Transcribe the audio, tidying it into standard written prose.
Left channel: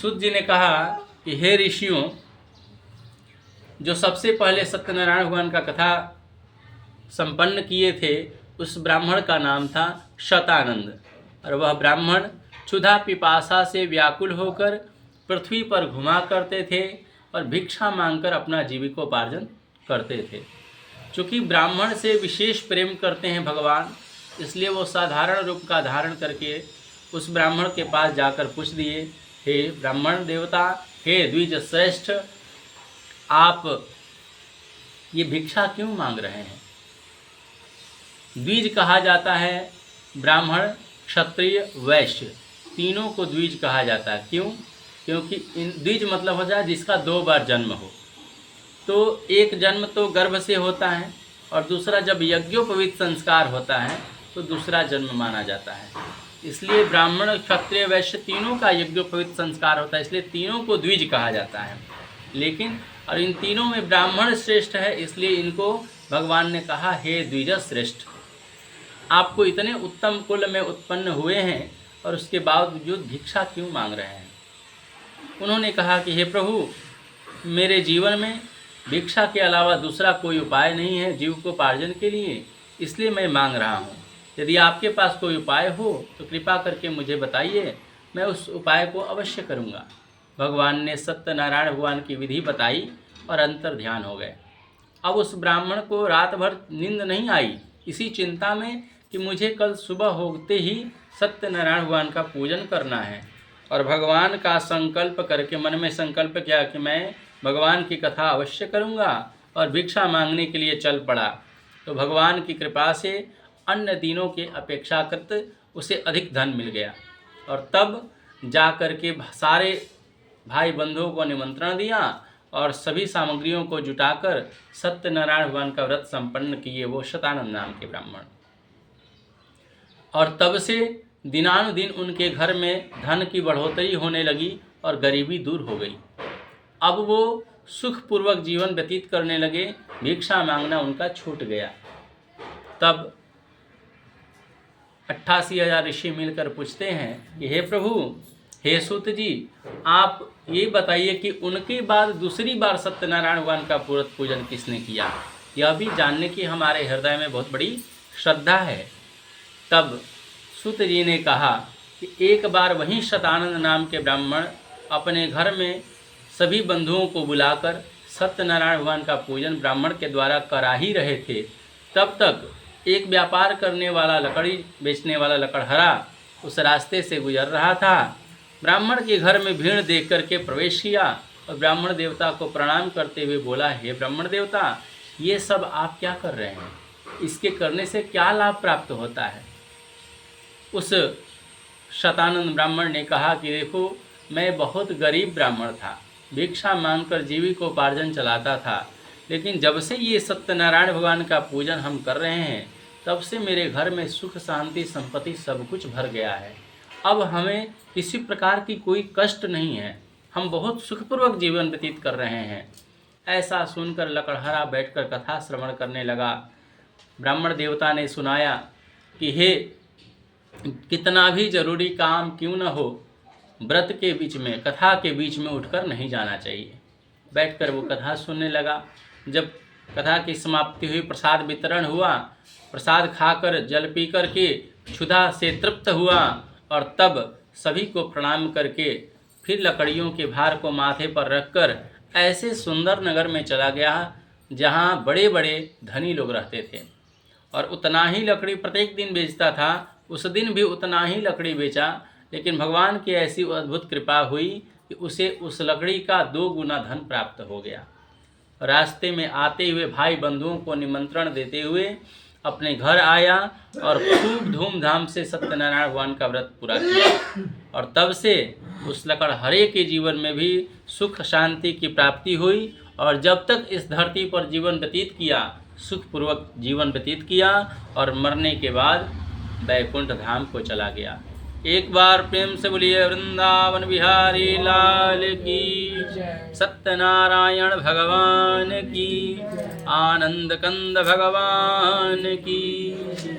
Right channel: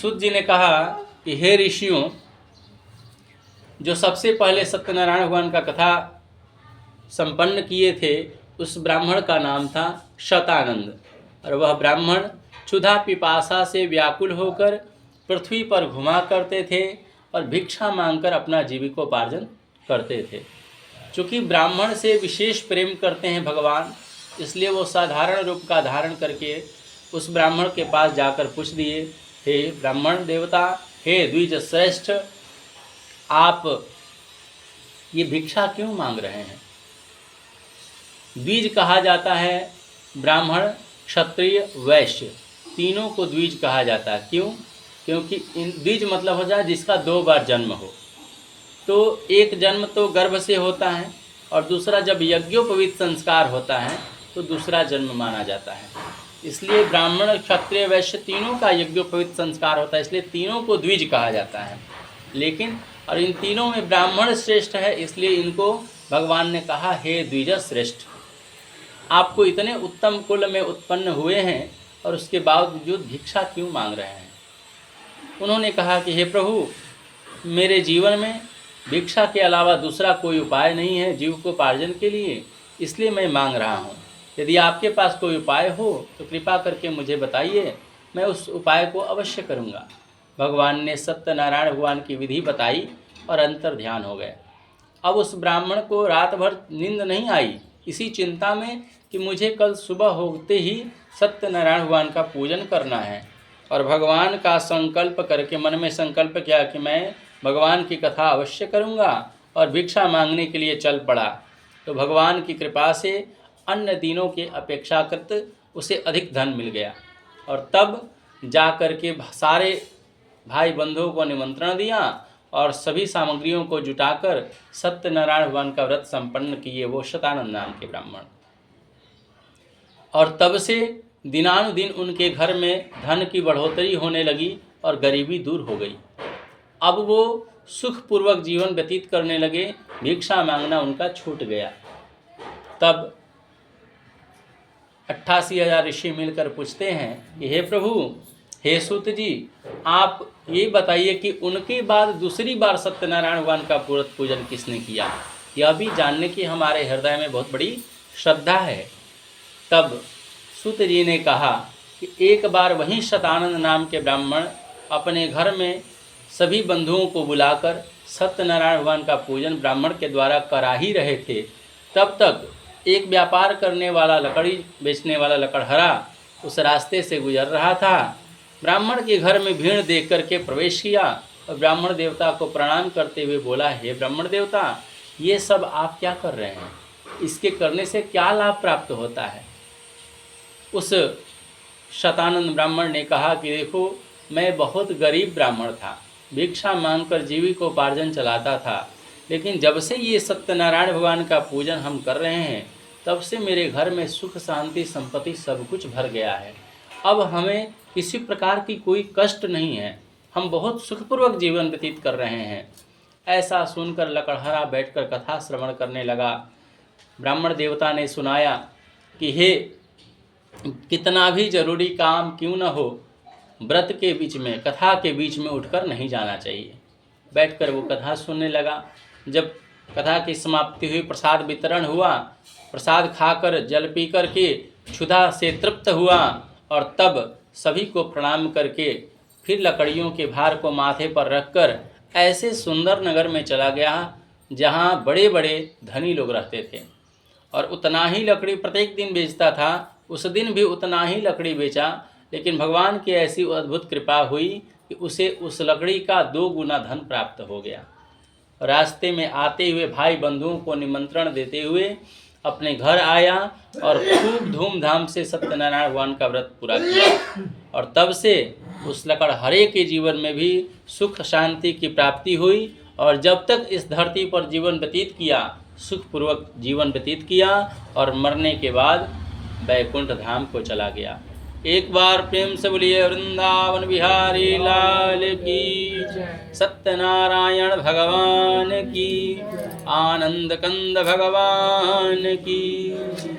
सूत जी ने कहा कि हे ऋषियों, जो सबसे पहले सत्यनारायण भगवान का कथा संपन्न किए थे उस ब्राह्मण का नाम था शतानंद, और वह ब्राह्मण क्षुधा पिपासा से व्याकुल होकर पृथ्वी पर घुमा करते थे और भिक्षा मांगकर अपना जीविकोपार्जन करते थे। चूँकि ब्राह्मण से विशेष प्रेम करते हैं भगवान, इसलिए वो साधारण रूप का धारण करके उस ब्राह्मण के पास जाकर पूछ दिए, हे ब्राह्मण देवता, हे द्विज श्रेष्ठ, आप ये भिक्षा क्यों मांग रहे हैं? द्विज कहा जाता है ब्राह्मण, क्षत्रिय, वैश्य, तीनों को द्विज कहा जाता है। क्यों? क्योंकि द्विज मतलब हो जाए जिसका 2 बार जन्म हो। तो एक जन्म तो गर्भ से होता है और दूसरा जब यज्ञोपवीत संस्कार होता है तो दूसरा जन्म माना जाता है। इसलिए ब्राह्मण, क्षत्रिय, वैश्य तीनों का यज्ञोपवीत संस्कार होता है, इसलिए तीनों को द्विज कहा जाता है। लेकिन और इन तीनों में ब्राह्मण श्रेष्ठ है, इसलिए इनको भगवान ने कहा, हे द्विज श्रेष्ठ, आपको इतने उत्तम कुल में उत्पन्न हुए हैं और उसके बावजूद भिक्षा क्यों मांग रहे हैं? उन्होंने कहा कि हे प्रभु, मेरे जीवन में भिक्षा के अलावा दूसरा कोई उपाय नहीं है जीविकोपार्जन के लिए, इसलिए मैं मांग रहा हूँ। यदि आपके पास कोई उपाय हो तो कृपा करके मुझे बताइए, मैं उस उपाय को अवश्य करूँगा। भगवान ने सत्यनारायण भगवान की विधि बताई और अंतर ध्यान हो गए। अब उस ब्राह्मण को रात भर नींद नहीं आई, इसी चिंता में कि मुझे कल सुबह होते ही सत्यनारायण भगवान का पूजन करना है, और भगवान का संकल्प करके मन में संकल्प किया कि मैं भगवान की कथा अवश्य करूँगा, और भिक्षा मांगने के लिए चल पड़ा। तो भगवान की कृपा से अन्य दिनों के अपेक्षाकृत उसे अधिक धन मिल गया, और तब जा कर के सारे भाई बंधुओं को निमंत्रण दिया और सभी सामग्रियों को जुटाकर सत्यनारायण भगवान का व्रत संपन्न किए वो शतानंद नाम के ब्राह्मण। और तब से दिनानुदिन उनके घर में धन की बढ़ोतरी होने लगी और गरीबी दूर हो गई। अब वो सुखपूर्वक जीवन व्यतीत करने लगे, भिक्षा मांगना उनका छूट गया। तब 88,000 ऋषि मिलकर पूछते हैं कि हे प्रभु, हे सूत जी, आप ये बताइए कि उनके बाद दूसरी बार सत्यनारायण भगवान का पूजन किसने किया? यह भी जानने की हमारे हृदय में बहुत बड़ी श्रद्धा है। तब सूत जी ने कहा कि एक बार वहीं शतानंद नाम के ब्राह्मण अपने घर में सभी बंधुओं को बुलाकर सत्यनारायण भगवान का पूजन ब्राह्मण के द्वारा करा ही रहे थे। तब तक एक व्यापार करने वाला, लकड़ी बेचने वाला लकड़हरा उस रास्ते से गुजर रहा था। ब्राह्मण के घर में भीड़ देख करके प्रवेश किया और ब्राह्मण देवता को प्रणाम करते हुए बोला, हे ब्राह्मण देवता, ये सब आप क्या कर रहे हैं? इसके करने से क्या लाभ प्राप्त होता है? उस शतानंद ब्राह्मण ने कहा कि देखो, मैं बहुत गरीब ब्राह्मण था, भिक्षा मांगकर जीविकोपार्जन चलाता था, लेकिन जब से ये सत्यनारायण भगवान का पूजन हम कर रहे हैं तब से मेरे घर में सुख, शांति, संपत्ति सब कुछ भर गया है। अब हमें किसी प्रकार की कोई कष्ट नहीं है, हम बहुत सुखपूर्वक जीवन व्यतीत कर रहे हैं। ऐसा सुनकर लकड़हरा बैठकर कथा श्रवण करने लगा। ब्राह्मण देवता ने सुनाया कि हे, कितना भी जरूरी काम क्यों न हो, व्रत के बीच में, कथा के बीच में उठकर नहीं जाना चाहिए। बैठकर वो कथा सुनने लगा। जब कथा की समाप्ति हुई, प्रसाद वितरण हुआ, प्रसाद खाकर जल पी कर के क्षुधा से तृप्त हुआ और तब सभी को प्रणाम करके फिर लकड़ियों के भार को माथे पर रखकर ऐसे सुंदर नगर में चला गया जहाँ बड़े बड़े धनी लोग रहते थे, और उतना ही लकड़ी प्रत्येक दिन बेचता था। उस दिन भी उतना ही लकड़ी बेचा, लेकिन भगवान की ऐसी अद्भुत कृपा हुई कि उसे उस लकड़ी का 2 गुना धन प्राप्त हो गया। रास्ते में आते हुए भाई बंधुओं को निमंत्रण देते हुए अपने घर आया और खूब धूमधाम से सत्यनारायण भगवान का व्रत पूरा किया, और तब से उस लकड़हरे के जीवन में भी सुख, शांति की प्राप्ति हुई, और जब तक इस धरती पर जीवन व्यतीत किया, सुखपूर्वक जीवन व्यतीत किया, और मरने के बाद वैकुंठ धाम को चला गया। एक बार प्रेम से बोलिए वृंदावन बिहारी लाल की, सत्यनारायण भगवान की, आनंद कंद भगवान की।